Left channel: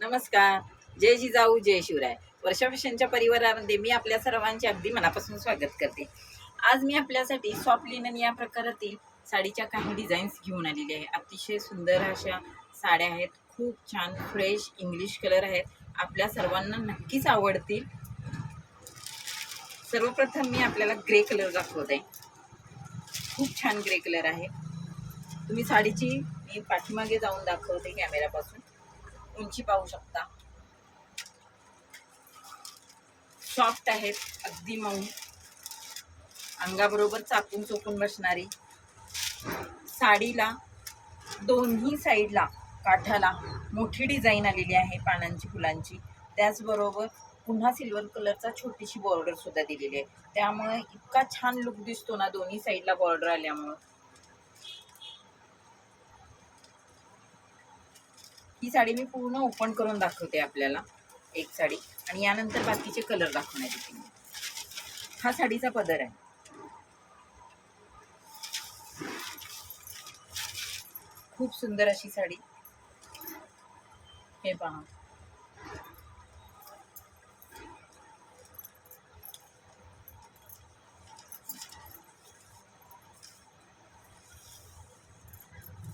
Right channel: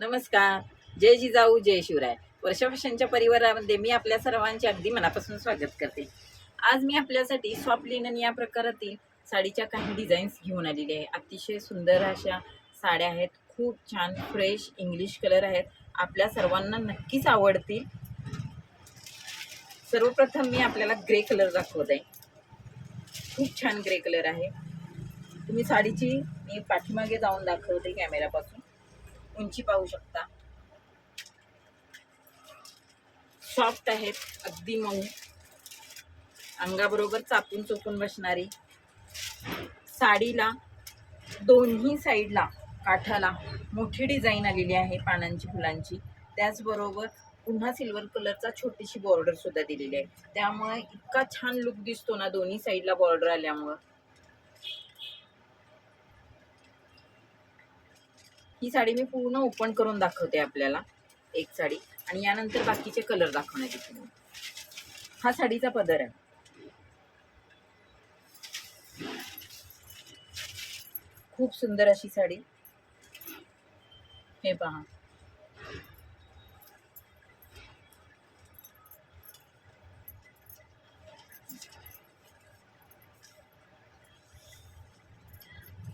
नमस्कार. जय जिजाऊ जय शिवराय. वर्षा फॅशनच्या परिवारामध्ये मी आपल्या सर्वांचे अगदी मनापासून स्वागत करते. आज मी आपल्यासाठी सॉफ्ट लिनन या प्रकारातील साडीच्या काही डिझाईन्स घेऊन आलेले आहे. अतिशय सुंदर अशा साड्या आहेत. खूप छान फ्रेश इंग्लिश कलर आहेत. आपल्या सर्वांना नक्कीच आवडतील. सर्वप्रथम मी आपल्याला ग्रे कलर दाखवत आहे. खूप छान ग्रे कलर आहे. तुम्ही साडीची मी पाठीमागे जाऊन दाखवते कॅमेरापासून. उंची पाहू शकता. सॉफ्ट आहेत, अगदी मऊ, अंगाबरोबर चापून चोपून बसणारी. साडीला दोन्ही साईडला काठाला मोठी डिझाईन आलेली आहे पानांची फुलांची. त्याचबरोबर पुन्हा सिल्वर कलरचा छोटीशी बॉर्डर सुद्धा दिलेली आहे. त्यामुळे इतका छान लुक दिसतो ना दोन्ही साईडला बॉर्डर आल्यामुळं. ही साडी मी पूर्ण ओपन करून दाखवते आपल्याला एक साडी, आणि यानंतर बाकीचे कलर दाखवण्यात येतील. हा साडीचा पदर आहे. खूप सुंदर अशी साडी. हे पहा,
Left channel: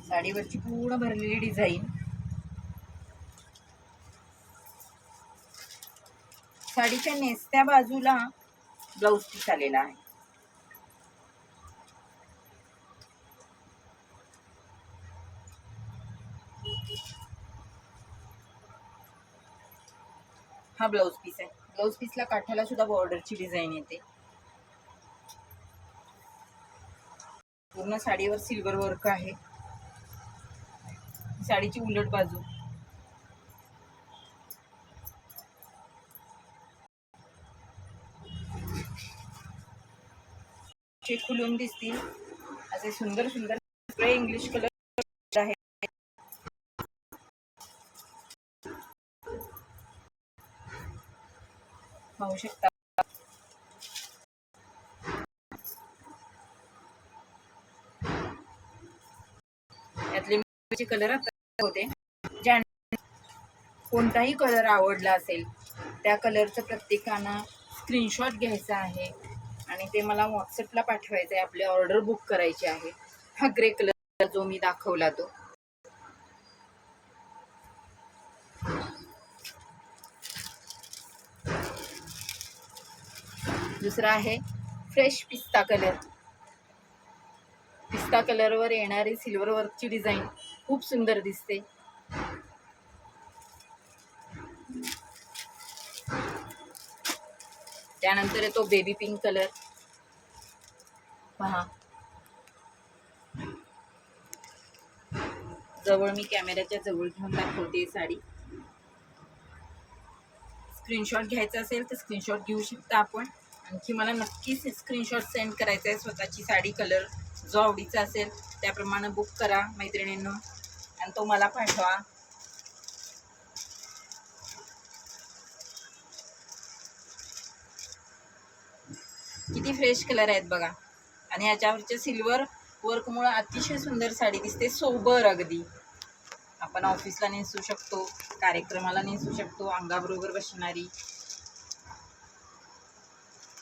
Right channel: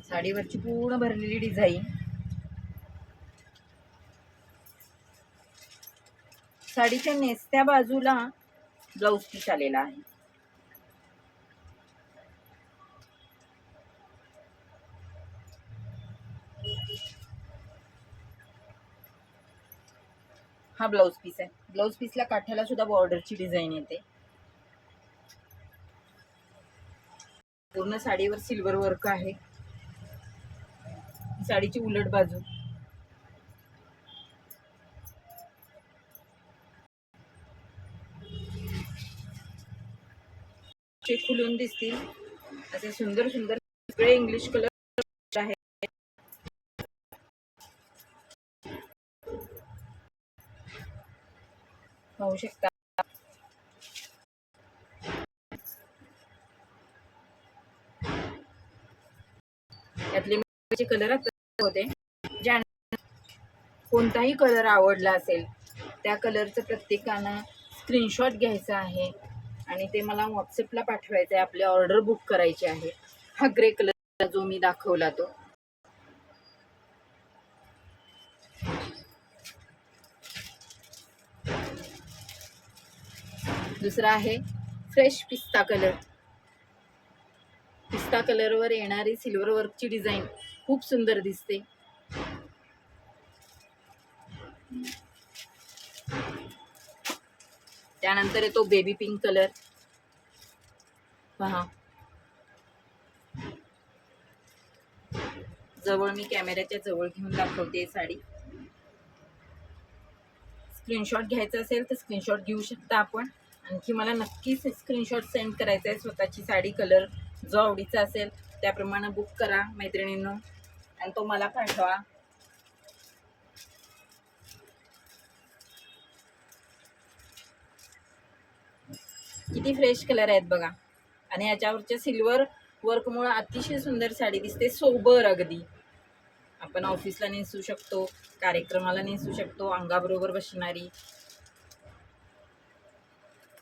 साडीवरची पूर्ण भरलेली डिझाईन. साडीच्या नेसत्या बाजूला ब्लाउज पीस आलेला आहे. हा ब्लाउज पीस आहे. ब्लाउज पीसला काठाला सुद्धा बॉर्डरची डिझाईन येते. पूर्ण साडीवर सिल्वर वर्क आहे. साडीची उलट बाजू. चे खुलून दिसतील असे सुंदर सुंदर सगळे इंग्लिश कलर आहे. पाहू शकता. यातले कलर होते. ज्या कोणताही कलर आवडला असेल त्या कलरचं प्रत्येकानं स्क्रीनशॉट घ्यायचा आहे आणि ते मला व्हॉट्सअपला पाठवायचं आहे. आपली ऑर्डर बुक करायची आहे. हा ग्रे कलर जो मी दाखवला तो. दुसरा आहे फ्रेश पिस्ता कलर. पिस्ता कलरवर येणारी सिल्वर वर्कची डिझाईन खूप सुंदर दिसते. त्यानंतर येतो बेबी पिंक कलर. पहा, जवळ मी कॅमेऱ्याच्या जवळ घेऊन दाखवते साडी. स्क्रीनशॉट घ्यायचा असेल तर स्क्रीनशॉट घेऊ शकता आपण. आणखी मला नक्कीच स्क्रीनशॉट सेंड करायचा आहे. स्वतःची साडी कलर जो आवडीचा असेल त्याप्रमाणे बुक करा मैत्रिणींनो आणि तो मला पाठवा. किती फ्रेश कलर आहेत बघा. आणि याच्यावरच्या सिल्वर वर्कमुळे अतिशय सुंदर साडी दिसते. सोबर अगदी. आपण ऑफिसला नेसू शकतो, कार्यक्रमाला नेसू शकतो, अंगाबरोबर बसणारी.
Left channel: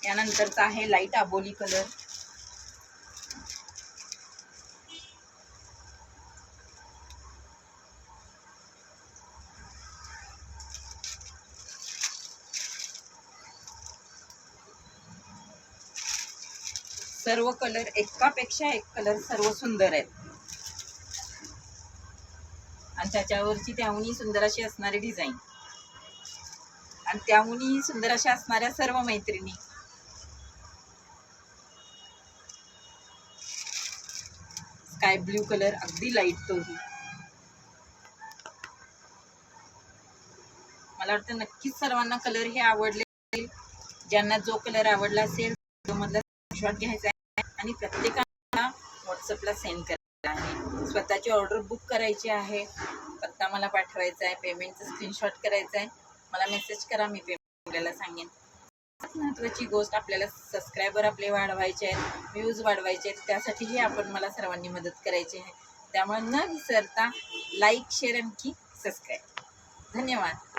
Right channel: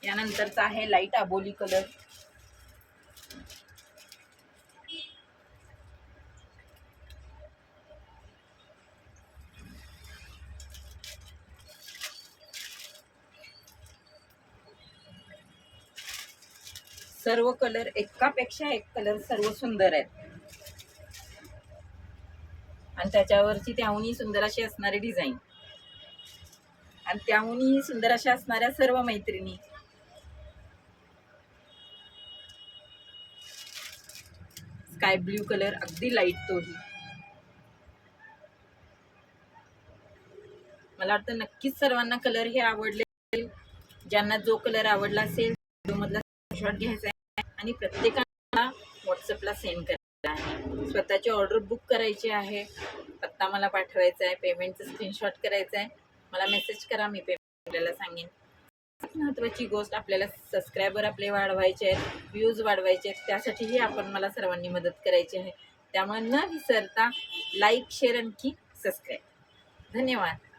यानंतरचा आहे लाईट आबोली कलर. सर्व कलर एकापेक्षा एक कलर सर्व सुंदर आहेत. आणि त्याच्यावरची त्याहूनही सुंदर अशी असणारी डिझाईन आणि त्याहूनही सुंदर अशा असणाऱ्या सर्व मैत्रिणी. स्काय ब्ल्यू कलर अगदी लाईट तोही. मला वाटतं नक्कीच सर्वांना कलर हे आवडले. ज्यांना जो कलर आवडला असेल मधला स्क्रीनशॉट घ्यायचा आहे आणि प्रत्येकाला व्हॉट्सअपला सेंड करायचा आहे. स्वतःची ऑर्डर बुक करायची आहे. पत्ता मला पाठवायचा आहे. पेमेंटचं स्क्रीनशॉट करायचं आहे. मला मेसेज करा, मी पेमेंट करायला सांगेन. महत्त्वाची गोष्ट, आपल्याला सबस्क्रायबर आपले वाढवायचे आहेत, व्ह्यूज वाढवायचे आहेत. त्यासाठीही आपण मला सर्वांनी मदत करायची आहे. त्यामुळे न विसरता लाईक, शेअर आणखी सबस्क्राईब. धन्यवाद.